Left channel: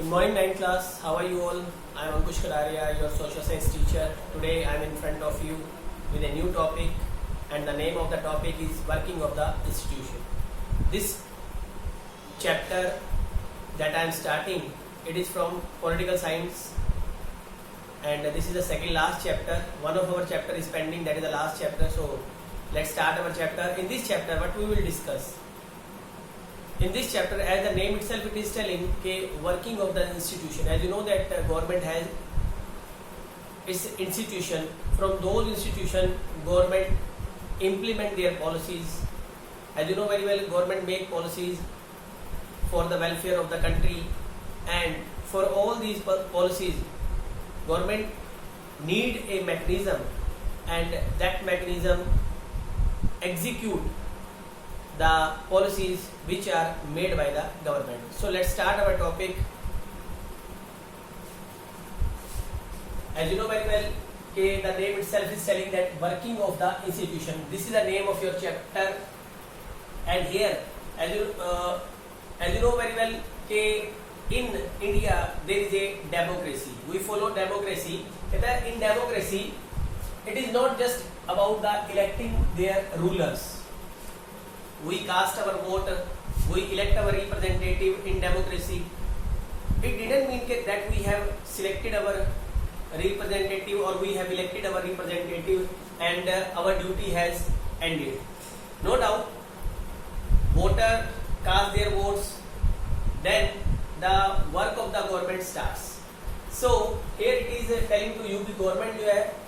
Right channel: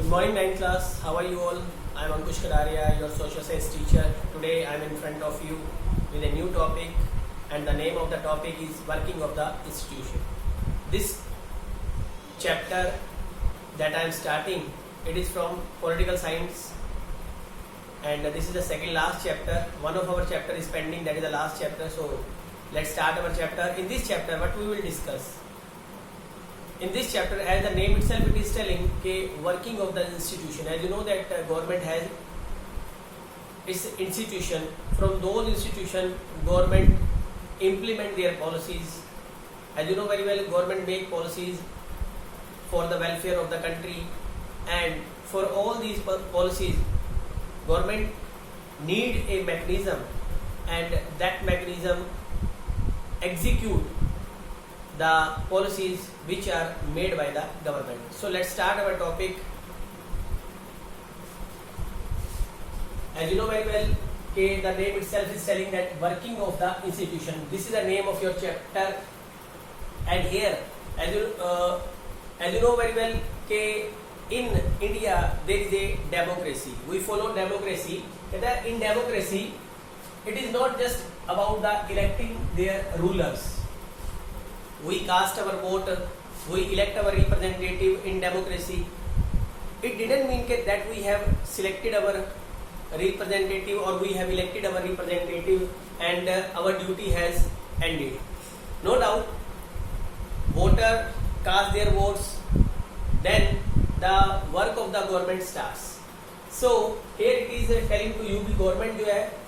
Good morning, 9th class. How are you all? I am Ankush Kadaria, your social science teacher. Today I am in front of you with a new topic, and the name of the topic is Working of the Institution. This chapter that I am starting, it is from political science, and this is the second last chapter. One of our chapter is pending, that is the last chapter. So let's start our chapter. In this chapter, what we will discuss? In this chapter, as the name itself it is telling, working of the institution. As you know that government has its institution. From those institution, government implement their policies. As you know very well, government make policies for the welfare of the country, and for all these policies, government need a mechanism, and that mechanism execute the policies which are made by the government. So let's start our topic. As you know very well, the name itself is telling that working of the institution. This is the name of your chapter, and here, as you know very well, in India there is a democracy. We follow democracy. In democracy, it is not just about the electing their rulers. We cast our vote, we elect our representative in democracy. It didn't mean that we have selected our representative or we have elected our representative and our duty has ended. No doubt, voter cast their votes, then the work of the government starts. So here it is telling to you कि government जो है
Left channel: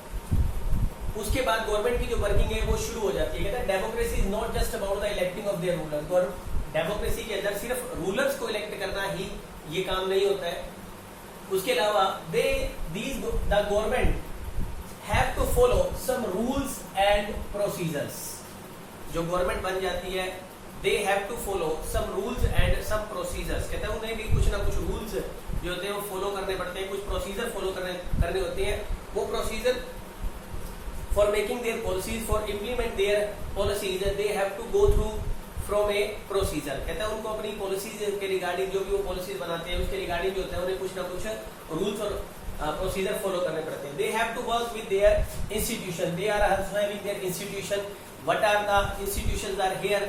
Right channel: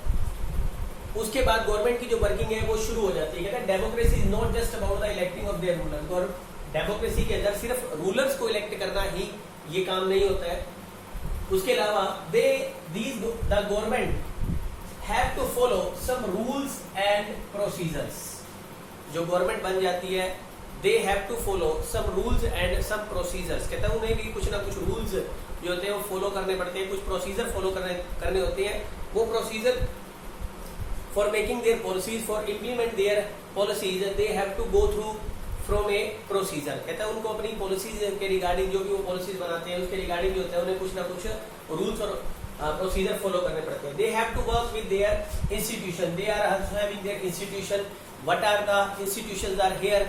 उसके बाद government की जो working है वो शुरू हो जाती है. कहता है democracy is not just about the electing of their rulers. और डेमोक्रेसी के अंदर सिर्फ रूलर्स को इलेक्ट करना ही ये काम नहीं होता है. उसके अलावा the government have to follow some rules and procedures. जो गवर्नमेंट बन जाती है they have to follow some rules and some procedures. कहता है उन्हें भी कुछ ना कुछ रूल्स जो होते हैं वो फॉलो करने पड़ते हैं, कुछ प्रोसीजर फॉलो करने होते हैं. वो procedure for making their policies, for implement their policies, they have to go through from a procedure. कहता है उनको अपनी policies के regarding जो भी वो policies बनाते हैं उसके regarding जो होता है उन्हें कुछ ना कुछ rules और procedure follow करने पड़ते हैं. They have to work with their institution. They are also having their institution. What are the institutions are here?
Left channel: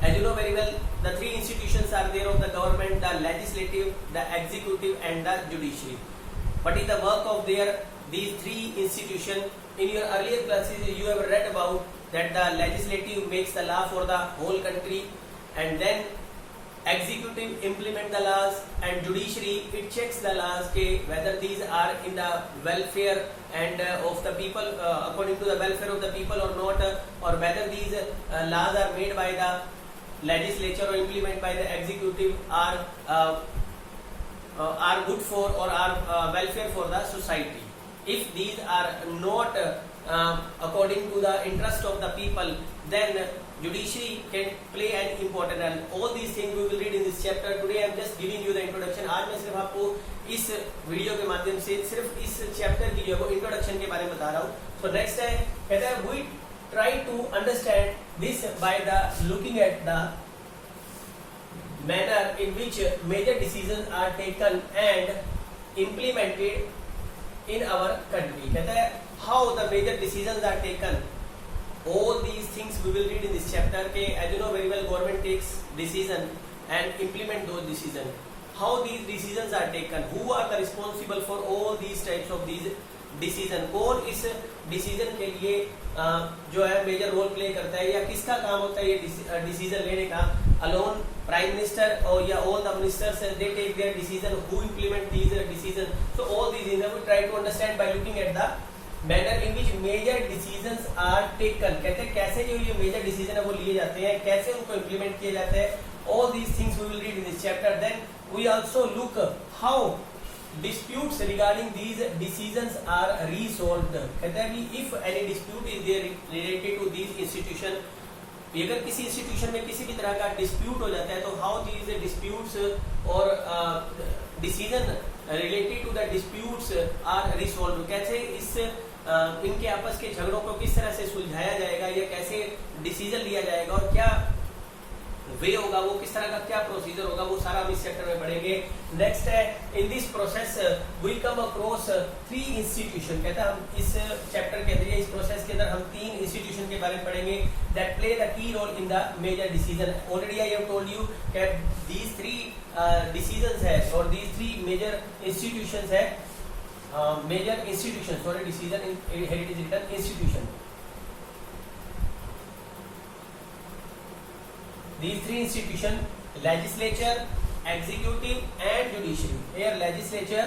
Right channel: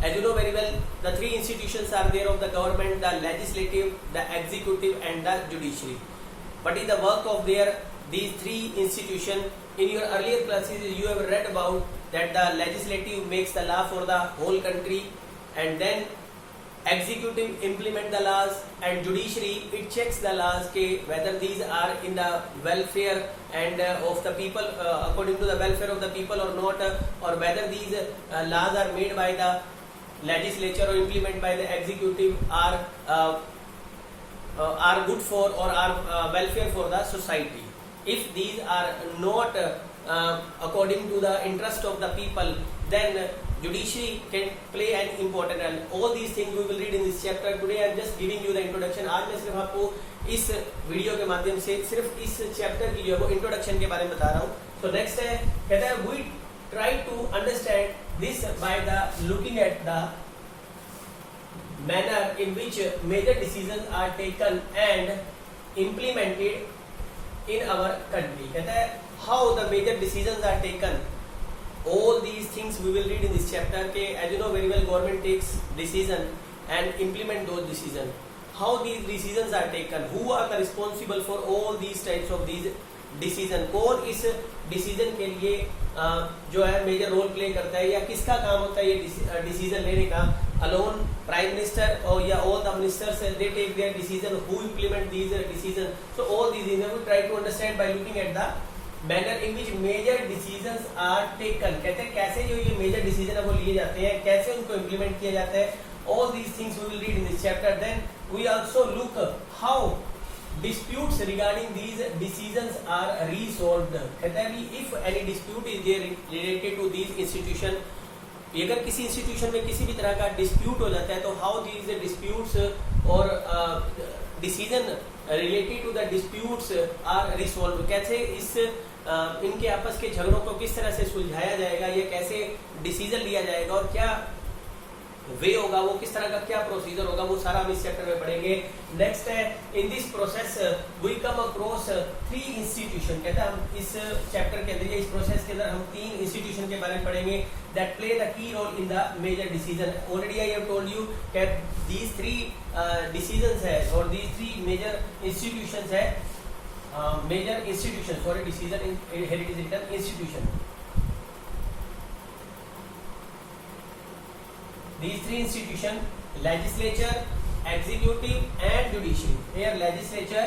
As you know very well, the three institutions are there of the government: the legislative, the executive, and the judiciary. What is the work of these three institutions? In your earlier classes, you have read about that the legislative makes the law for the whole country, and then executive implement the laws, and judiciary it checks the laws whether these are in the welfare and of the people according to the welfare of the people or not, or whether these laws are made by the legislature or implemented by the executive are good for or are welfare for the society. If these are not according to the interest of the people, then judiciary can play an important role. All these things we will read in this chapter. Today I am just giving you the introduction. आज मैं सिर्फ आपको इस video के माध्यम से सिर्फ इस चैप्टर की जो है वो इंट्रोडक्शन के बारे में बता रहा हूँ. So next है कहता है we try to understand this by the looking at the manner in which major decisions are taken and implemented in our country. कहता है how the major decisions are taken. All these things we will read in this chapter. As you know very well, government takes decision and implement those decisions. How these decisions are taken, who are the responsible for all these types of these decision. कौन इस decision के लिए जो है major role play करता है या किसका काम होता है ये डिसीजन लेने का. Alone prime minister or all the ministers they take their decision. Who implement these decisions? So all these things we try to understand by looking at the manner in which major decisions are taken. कहते हैं कैसे जो ये major decision है वो लिए जाते हैं, कैसे उनको implement किया जाता है. All these things we will read in this chapter. Then we also look how disputes regarding these decisions are resolved. कहता है कि if any dispute is there related to these institutions, अगर किसी इंस्टीट्यूशन में किसी भी तरह का डिस्प्यूट हो जाता है तो हाउ दीज डिस्प्यूट्स और decision related to the disputes are resolve. कैसे इस इनके आपस के झगड़ों को किस तरह से सुलझाया जाएगा या कैसे डिसीजन लिया जाएगा और क्या वे होगा, वो किस तरह का क्या प्रोसीजर होगा, वो सारा हम इस चैप्टर में पढ़ेंगे। नेक्स्ट है in this process we come across 3 institution, कहता है हम इस चैप्टर के अंदर, इस प्रोसेस के अंदर हम 3 इंस्टीट्यूशन के बारे में पढ़ेंगे that play the key role in the major decision. Already I have told you that these 3 decisions है और दीज 3 मेजर इंस्टीट्यूशंस है, major institution, sorry decision in heritage return institution. These 3 institutions, legislature, executive and judiciary. Here legislature,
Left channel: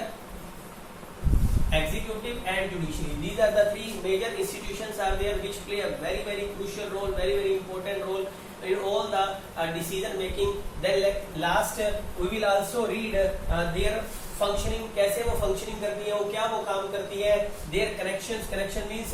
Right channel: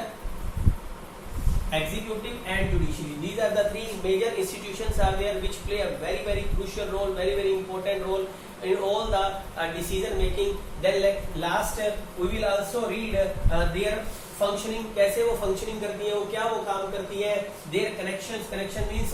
executive and judiciary. These are the 3 major institutions are there which play a very very crucial role, very very important role in all the decision making. Then last we will also read their functioning, कैसे वो functioning करती है, वो क्या वो काम करती है, their connections, connection means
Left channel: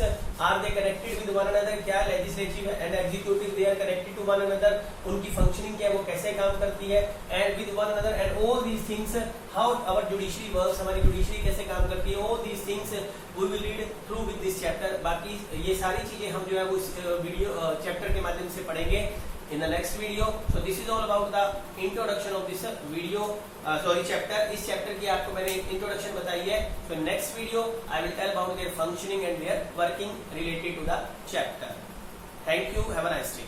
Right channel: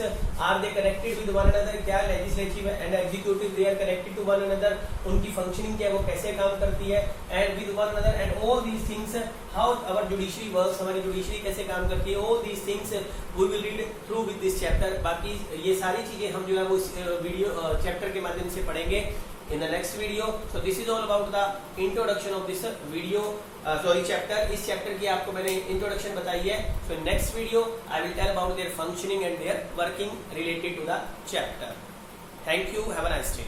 are they connected with one another, क्या legislative and executive they are connected to one another, उनकी फंक्शनिंग क्या है, वो कैसे काम करती है, and with one another and all these things, how our judiciary works, हमारी जुडिशरी कैसे काम करती है, all these things we will read through with this chapter. बाकी ये सारी चीजें हम जो है वो वीडियो चैप्टर के माध्यम से पढ़ेंगे in the next video. So this is all about the introduction of this video, chapter. इस chapter की आपको मैंने introduction बताई है. So next video I will tell about their functioning and their working related to the chapter. Thank you. Have a nice day.